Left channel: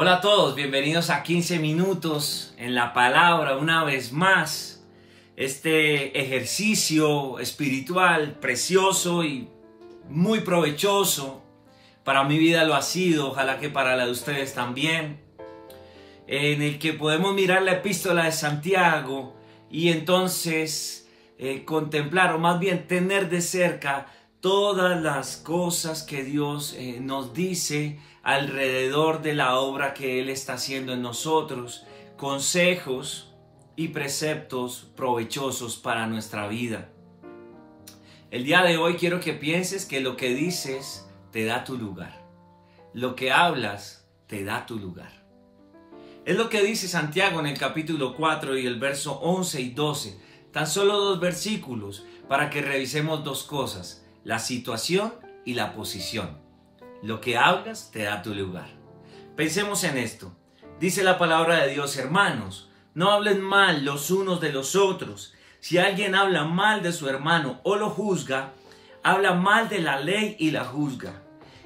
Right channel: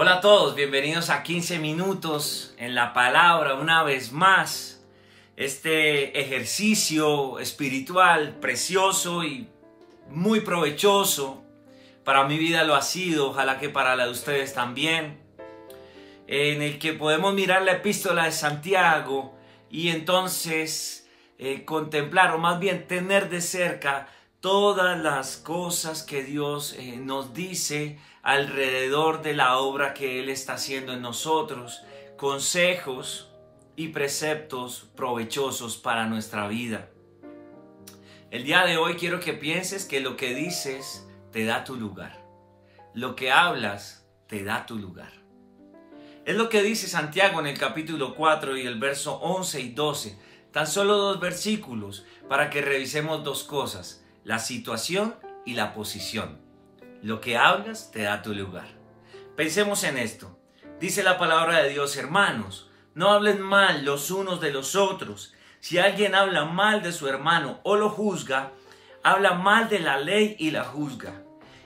Hola a todos, bienvenidos a 15 minutos en la palabra una vez más. Este ejercicio espiritual precioso y muy provechoso. Para mi vida lo ha sido, ojalá que para la de ustedes también. En el que podemos mirar la epístola de Santiago y entonces contemplar o más bien tener de cerca todas las cosas que Dios nos dice alrededor de la obra que Él está haciendo en nosotros, consejos y preceptos provechosos para nuestra vida. El día de hoy quiero que pienses que lo que dices te da tu lugar. Lo que hablas te da tu lugar. Es lo que dice Santiago en el capítulo 4 y el verso 11 y 12. Tan solo 2 versículos para que revisemos 2 cosas. La situación y la posición. Lo que hablas te da tu lugar. Pensemos en esto. Dice la palabra de Dios: hermanos, no hablen mal los unos de los otros. Si alguien habla mal de su hermano o lo juzga, habla mal de la ley y la juzga.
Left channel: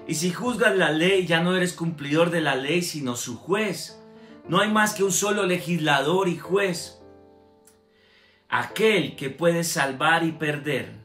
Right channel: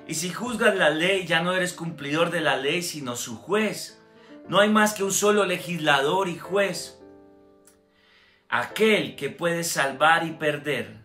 Y si juzgas la ley, ya no eres cumplidor de la ley, sino su juez. No hay más que un solo legislador y juez, aquel que puede salvar y perder.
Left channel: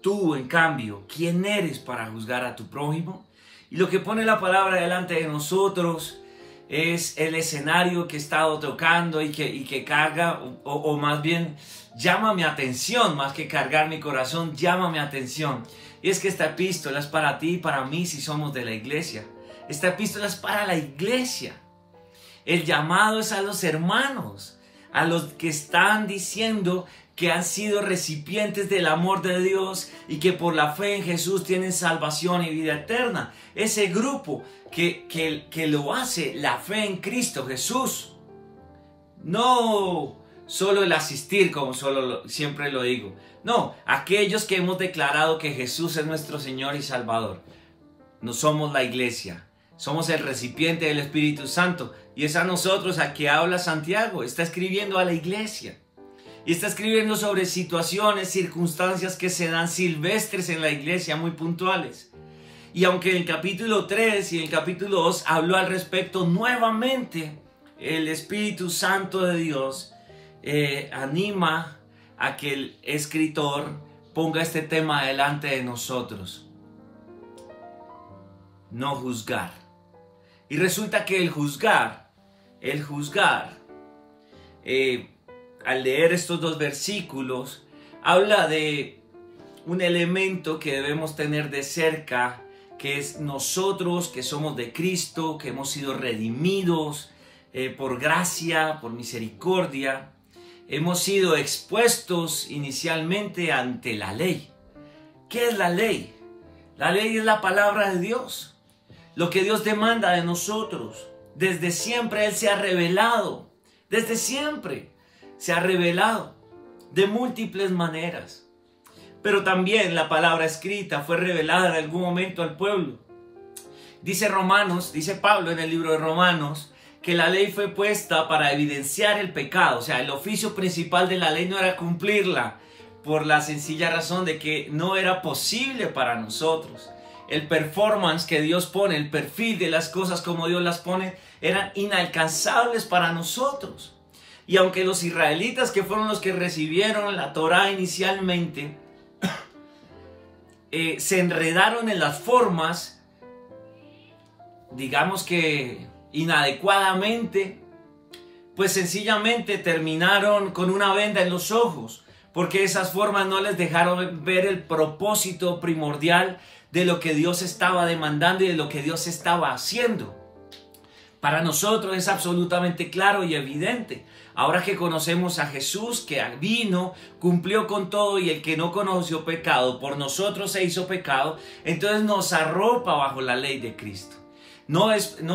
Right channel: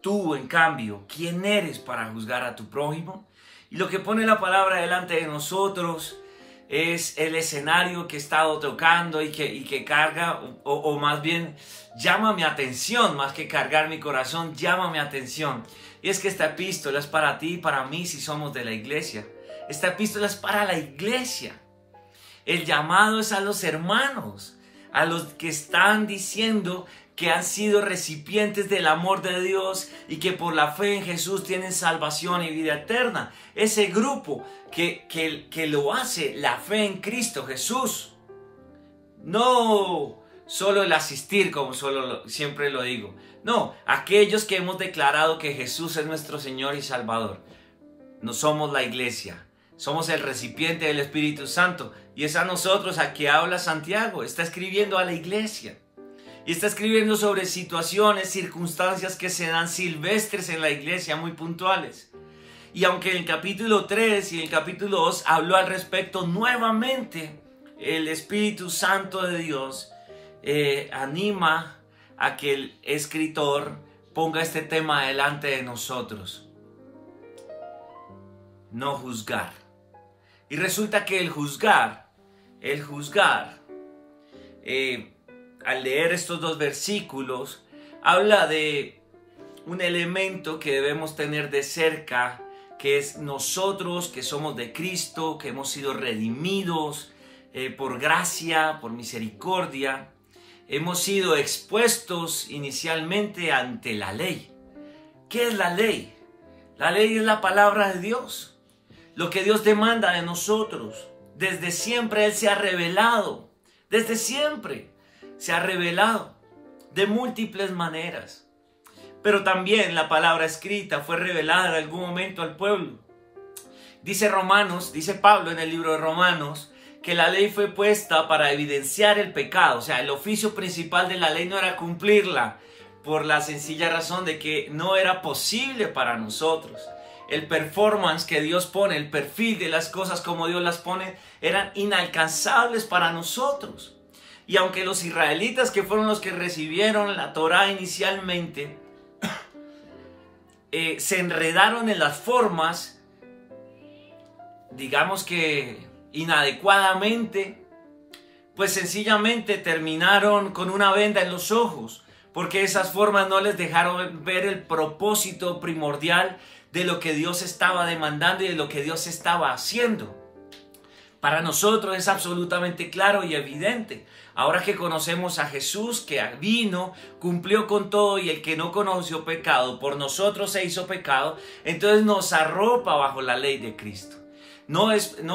Tú, en cambio, ¿quién eres para juzgar a tu prójimo? Y lo que pone la palabra delante de nosotros es el escenario que he estado tocando y que carga, o más bien llama mi atención, más que cargar mi corazón, llama mi atención. Y es que esta epístola es para ti y para mí si somos de la iglesia. Esta epístola es para la iglesia. El llamado es a los hermanos, a los que están diciendo que han sido recipientes del amor de Dios y que por la fe en Jesús tienen salvación y vida eterna. Ese grupo que lo hace la fe en Cristo Jesús. No solo el asistir, como siempre lo digo. No, aquellos que hemos declarado que Jesús es nuestro Señor y Salvador. No somos la iglesia, somos el recipiente del Espíritu Santo. Y es a nosotros a que habla Santiago. Está escribiendo a la iglesia. Y está escribiendo sobre situaciones, circunstancias que se dan silvestres en la iglesia, muy puntuales. Y aunque en el capítulo 3 y en el capítulo 2 habló al respecto nuevamente, el Espíritu Santo de Dios anima a que el escritor ponga este tema delante de nosotros. No juzgar. Y resulta que el juzgar, al leer estos 2 versículos, habla de un elemento que debemos tener de cerca, que es nosotros que somos de Cristo, que hemos sido redimidos por gracia, por misericordia. Hemos sido expuestos inicialmente ante la ley. ¿Qué es la ley? La ley es la palabra de Dios. Lo que Dios demanda de nosotros. Desde siempre Él se ha revelado. Desde siempre se ha revelado de múltiples maneras. Pero también la palabra escrita fue revelada en algún momento al pueblo. Dice Pablo en el libro de Romanos, que la ley fue puesta para evidenciar el pecado. O sea, el oficio principal de la ley no era cumplirla, por la sencilla razón de que no era posible para nosotros. El performance que Dios pone, el perfil de las cosas como Dios las pone, eran inalcanzables para nosotros. Y aunque los israelitas, que fueron los que recibieron la Torá inicialmente, se enredaron en las formas, digamos que inadecuadamente, pues sencillamente terminaron con una venda en los ojos, porque esas formas no les dejaron ver el propósito primordial de lo que Dios estaba demandando y de lo que Dios estaba haciendo. Para nosotros es absolutamente claro y evidente. Ahora que conocemos a Jesús, que vino, cumplió con todo, y el que no conoció pecado, por nosotros se hizo pecado, entonces nos arropa bajo la ley de Cristo. No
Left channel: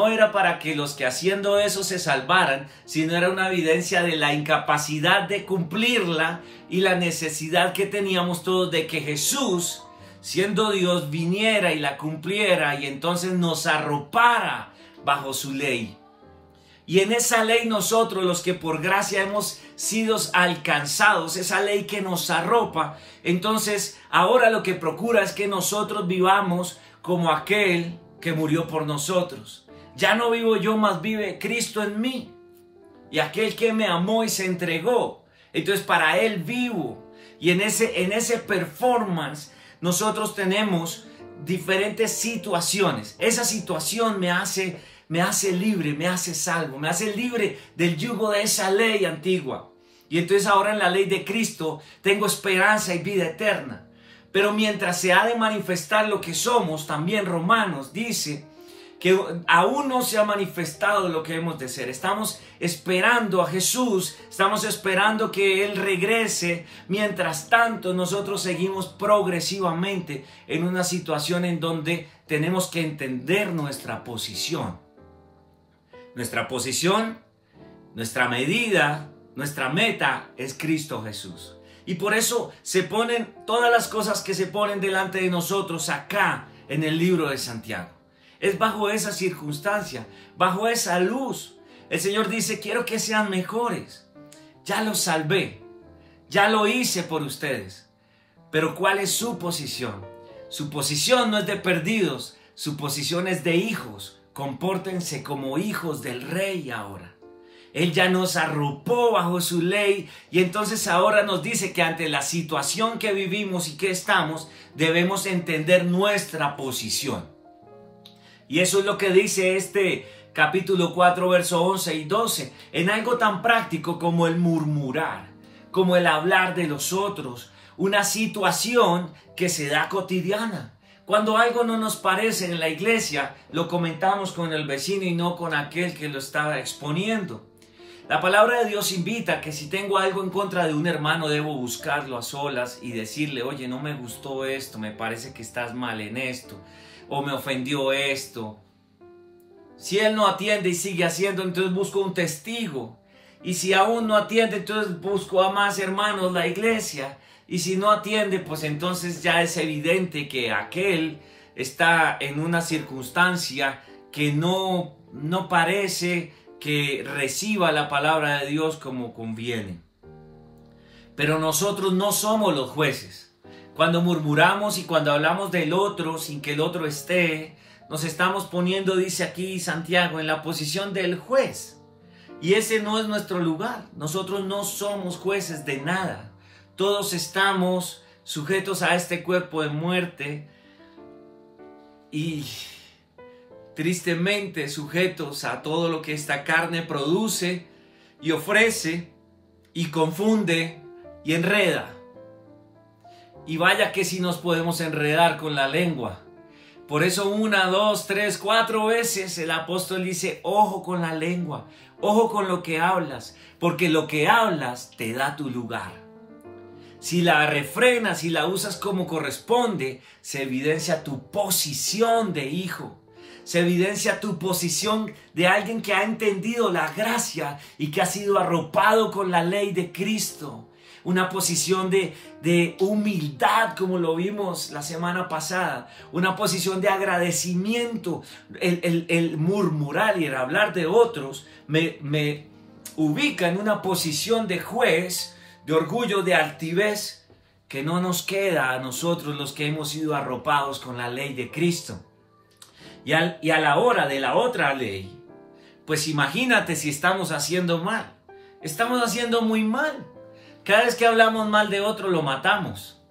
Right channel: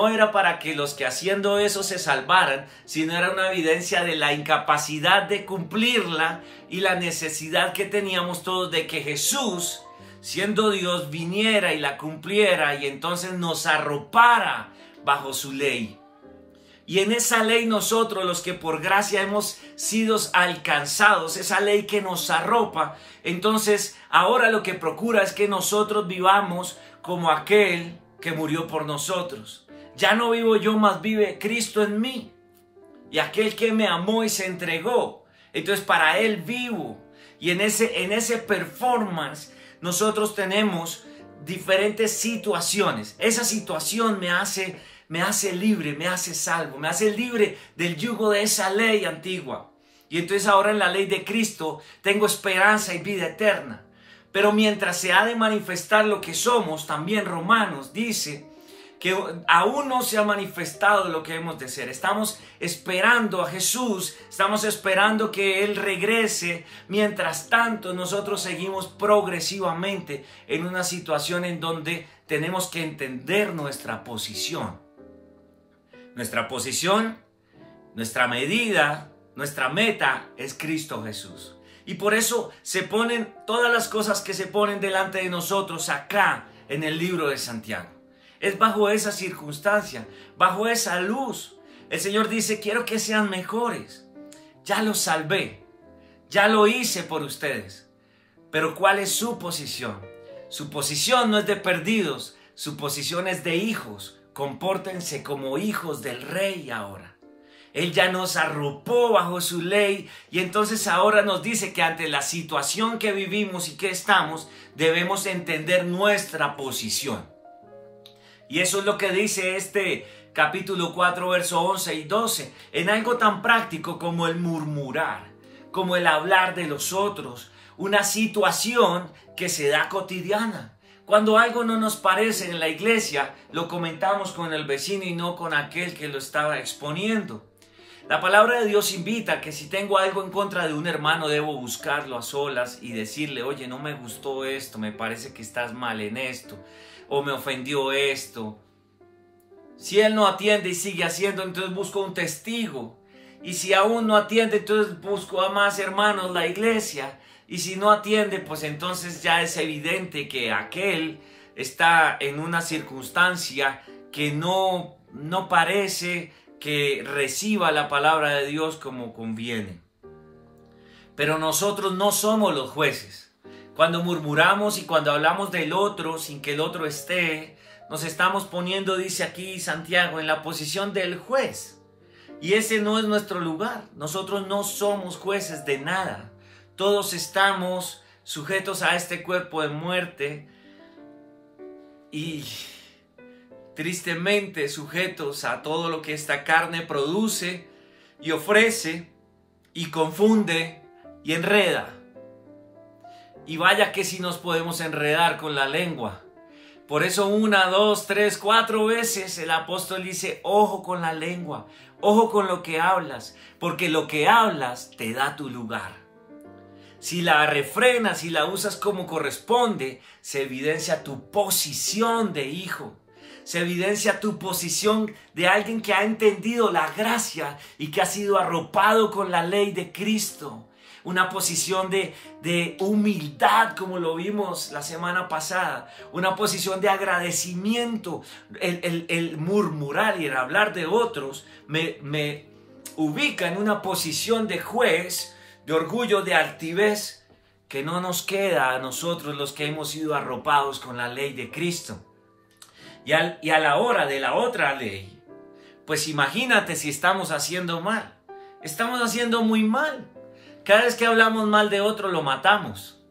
era para que los que haciendo eso se salvaran, sino era una evidencia de la incapacidad de cumplirla y la necesidad que teníamos todos de que Jesús, siendo Dios, viniera y la cumpliera y entonces nos arropara bajo su ley. Y en esa ley nosotros, los que por gracia hemos sido alcanzados, esa ley que nos arropa, entonces ahora lo que procura es que nosotros vivamos como aquel que murió por nosotros. Ya no vivo yo, mas vive Cristo en mí. Y aquel que me amó y se entregó. Entonces para Él vivo. Y en ese performance nosotros tenemos diferentes situaciones. Esa situación me hace libre, me hace salvo, me hace libre del yugo de esa ley antigua. Y entonces ahora en la ley de Cristo tengo esperanza y vida eterna. Pero mientras se ha de manifestar lo que somos, también Romanos dice que aún no se ha manifestado lo que hemos de ser. Estamos esperando a Jesús, estamos esperando que Él regrese. Mientras tanto, nosotros seguimos progresivamente en una situación en donde tenemos que entender nuestra posición. Nuestra posición, nuestra medida, nuestra meta es Cristo Jesús. Y por eso se ponen todas las cosas que se ponen delante de nosotros acá en el libro de Santiago. Es bajo esa circunstancia, bajo esa luz. El Señor dice, quiero que sean mejores. Ya los salvé, ya lo hice por ustedes. Pero ¿cuál es su posición? Su posición no es de perdidos, su posición es de hijos. Compórtense como hijos del Rey ahora. Él ya nos arropó bajo su ley y entonces ahora nos dice que ante la situación que vivimos y que estamos, debemos entender nuestra posición. Y eso es lo que dice este capítulo 4, verso 11 y 12. En algo tan práctico como el murmurar, como el hablar de los otros. Una situación que se da cotidiana. Cuando algo no nos parece en la iglesia, lo comentamos con el vecino y no con aquel que lo estaba exponiendo. La palabra de Dios invita a que si tengo algo en contra de un hermano, debo buscarlo a solas y decirle, oye, no me gustó esto, me parece que estás mal en esto. O me ofendió esto. Si él no atiende y sigue haciendo, entonces busco un testigo. Y si aún no atiende, entonces busco a más hermanos la iglesia. Y si no atiende, pues entonces ya es evidente que aquel está en una circunstancia que no parece que reciba la palabra de Dios como conviene. Pero nosotros no somos los jueces. Cuando murmuramos y cuando hablamos del otro sin que el otro esté, nos estamos poniendo, dice aquí Santiago, en la posición del juez. Y ese no es nuestro lugar. Nosotros no somos jueces de nada. Todos estamos sujetos a este cuerpo de muerte y tristemente sujetos a todo lo que esta carne produce y ofrece y confunde y enreda. Y vaya que si nos podemos enredar con la lengua. Por eso 1, 2, 3, 4 veces el apóstol dice, ojo con la lengua, ojo con lo que hablas, porque lo que hablas te da tu lugar. Si la refrenas y la usas como corresponde, se evidencia tu posición de hijo. Se evidencia tu posición de alguien que ha entendido la gracia y que ha sido arropado con la ley de Cristo. Una posición de humildad, como lo vimos la semana pasada. Una posición de agradecimiento. El murmurar y el hablar de otros me ubica en una posición de juez, de orgullo, de altivez, que no nos queda a nosotros los que hemos sido arropados con la ley de Cristo. Y a la hora de la otra ley, pues imagínate si estamos haciendo mal. Estamos haciendo muy mal. Cada vez que hablamos mal de otro, lo matamos.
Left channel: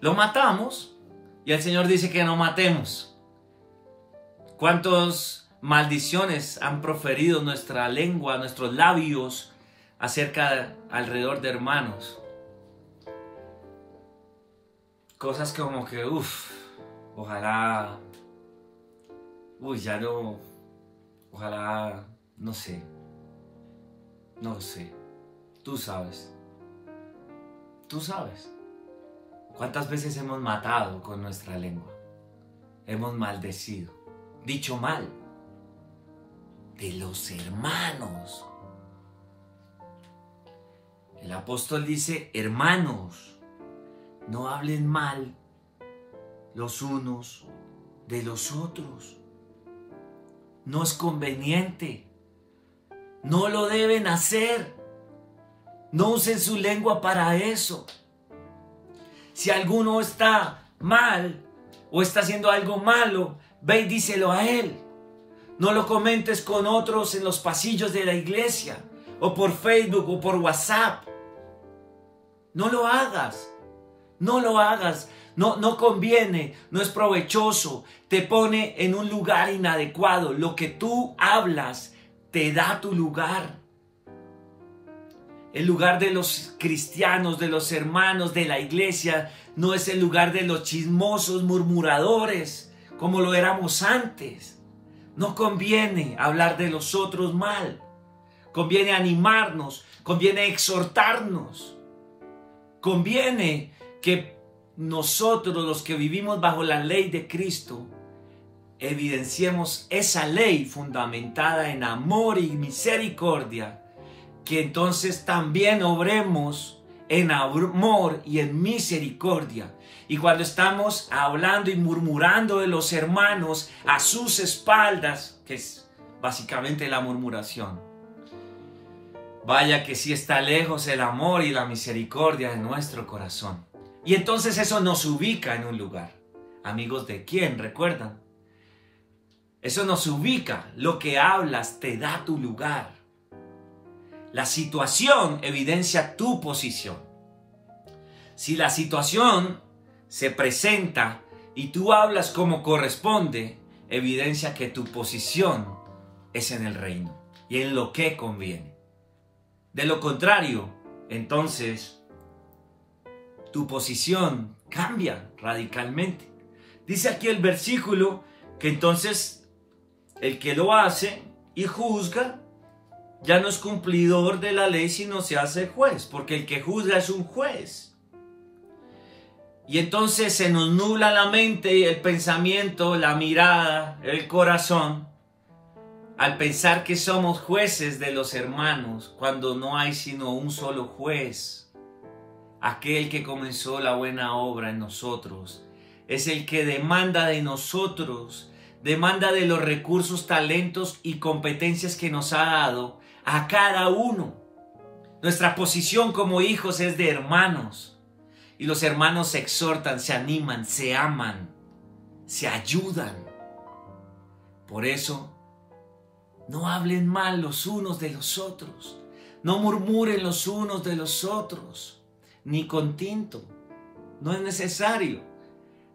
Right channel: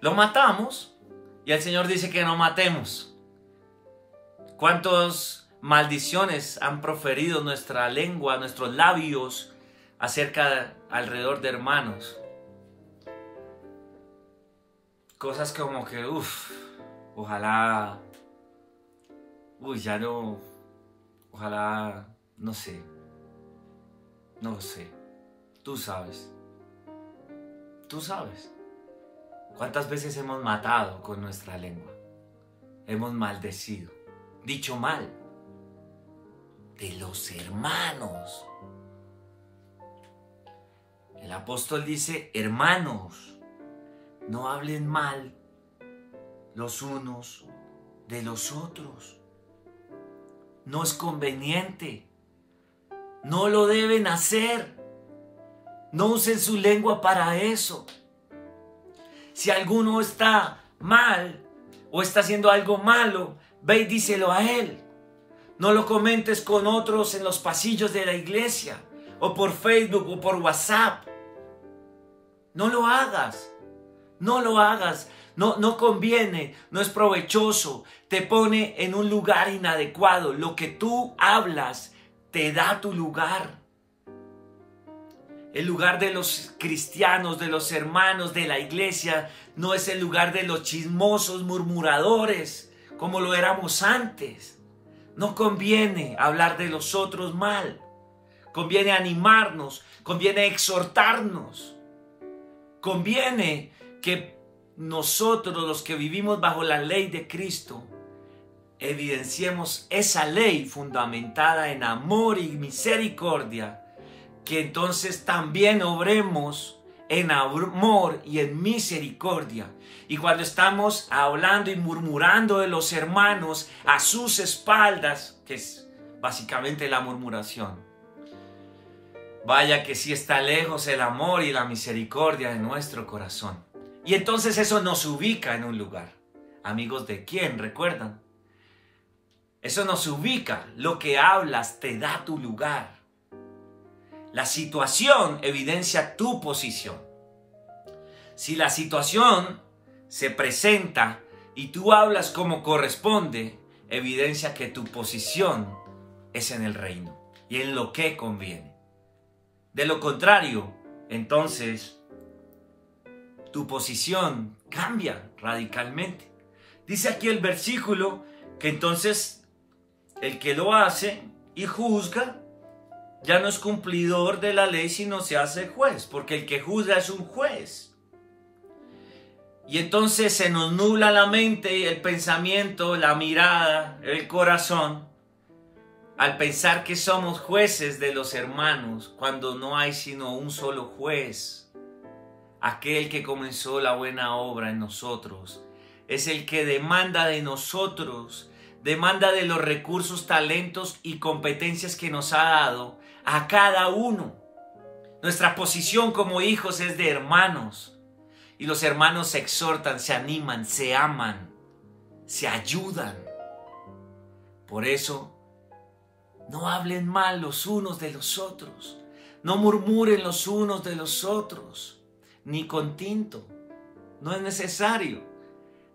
Lo matamos y el Señor dice que no matemos. ¿Cuántas maldiciones han proferido nuestra lengua, nuestros labios alrededor de hermanos? Cosas como que, ojalá, ojalá, no sé, tú sabes. Tú sabes cuántas veces hemos matado con nuestra lengua, hemos maldecido, dicho mal de los hermanos. El apóstol dice, hermanos, no hablen mal los unos de los otros. No es conveniente, no lo deben hacer. No usen su lengua para eso. Si alguno está mal o está haciendo algo malo, ve y díselo a él. No lo comentes con otros en los pasillos de la iglesia, o por Facebook, o por WhatsApp. No lo hagas. No lo hagas. No conviene, no es provechoso. Te pone en un lugar inadecuado. Lo que tú hablas te da tu lugar. El lugar de los cristianos, de los hermanos de la iglesia, no es el lugar de los chismosos murmuradores, como lo éramos antes. No conviene hablar de los otros mal. Conviene animarnos, conviene exhortarnos. Conviene que nosotros, los que vivimos bajo la ley de Cristo, evidenciemos esa ley fundamentada en amor y misericordia, que entonces también obremos en amor y en misericordia. Y cuando estamos hablando y murmurando de los hermanos a sus espaldas, que es básicamente la murmuración, vaya que sí está lejos el amor y la misericordia de nuestro corazón. Y entonces eso nos ubica en un lugar. Amigos de quién, ¿recuerdan? Eso nos ubica. Lo que hablas te da tu lugar. La situación evidencia tu posición. Si la situación se presenta y tú hablas como corresponde, evidencia que tu posición es en el reino y en lo que conviene. De lo contrario, entonces, tu posición cambia radicalmente. Dice aquí el versículo que entonces el que lo hace y juzga ya no es cumplidor de la ley, sino se hace juez, porque el que juzga es un juez. Y entonces se nos nubla la mente, el pensamiento, la mirada, el corazón, al pensar que somos jueces de los hermanos, cuando no hay sino un solo juez. Aquel que comenzó la buena obra en nosotros es el que demanda de nosotros, demanda de los recursos, talentos y competencias que nos ha dado a cada uno. Nuestra posición como hijos es de hermanos, y los hermanos se exhortan, se animan, se aman, se ayudan. Por eso, no hablen mal los unos de los otros, no murmuren los unos de los otros, ni con tinto. No es necesario.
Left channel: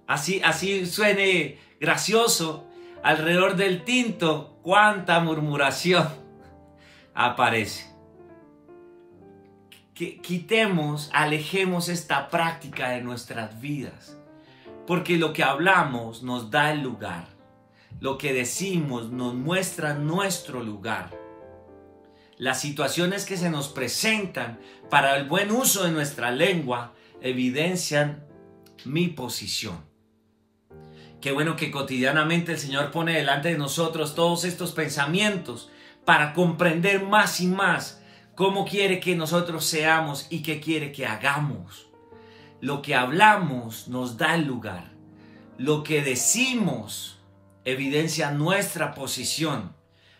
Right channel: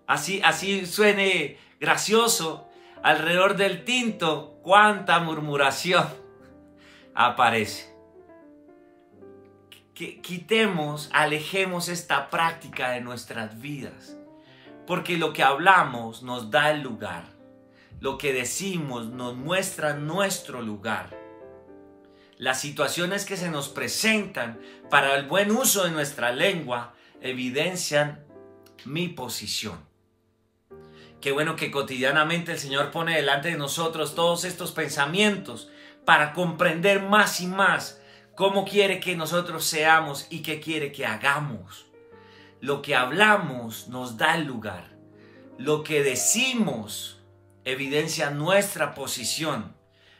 Así suene gracioso, alrededor del tinto, cuánta murmuración aparece. Quitemos, alejemos esta práctica de nuestras vidas, porque lo que hablamos nos da el lugar. Lo que decimos nos muestra nuestro lugar. Las situaciones que se nos presentan para el buen uso de nuestra lengua evidencian mi posición. Qué bueno que cotidianamente el Señor pone delante de nosotros todos estos pensamientos para comprender más y más cómo quiere que nosotros seamos y qué quiere que hagamos. Lo que hablamos nos da el lugar. Lo que decimos evidencia nuestra posición.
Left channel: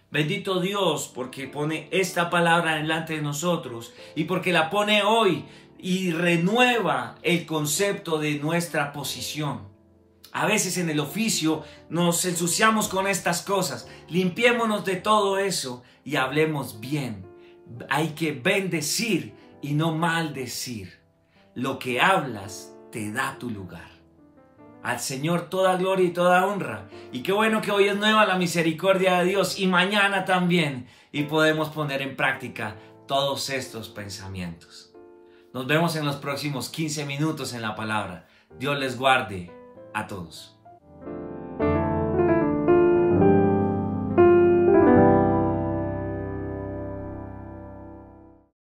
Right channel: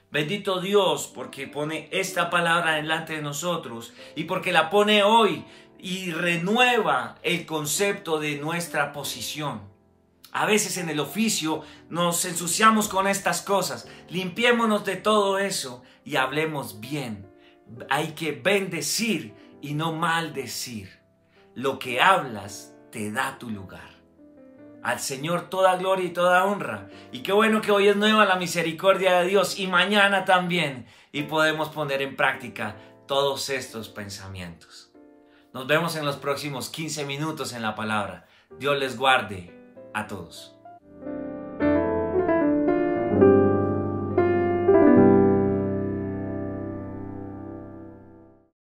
Bendito Dios porque pone esta palabra delante de nosotros y porque la pone hoy y renueva el concepto de nuestra posición. A veces en el oficio nos ensuciamos con estas cosas. Limpiémonos de todo eso y hablemos bien. Hay que bendecir y no maldecir. Lo que hablas te da tu lugar. Al Señor toda gloria y toda honra. Y qué bueno que hoy es nueva la misericordia de Dios y mañana también. Y podemos poner en práctica todos estos pensamientos. Nos vemos en los próximos 15 minutos en la palabra. Dios les guarde a todos.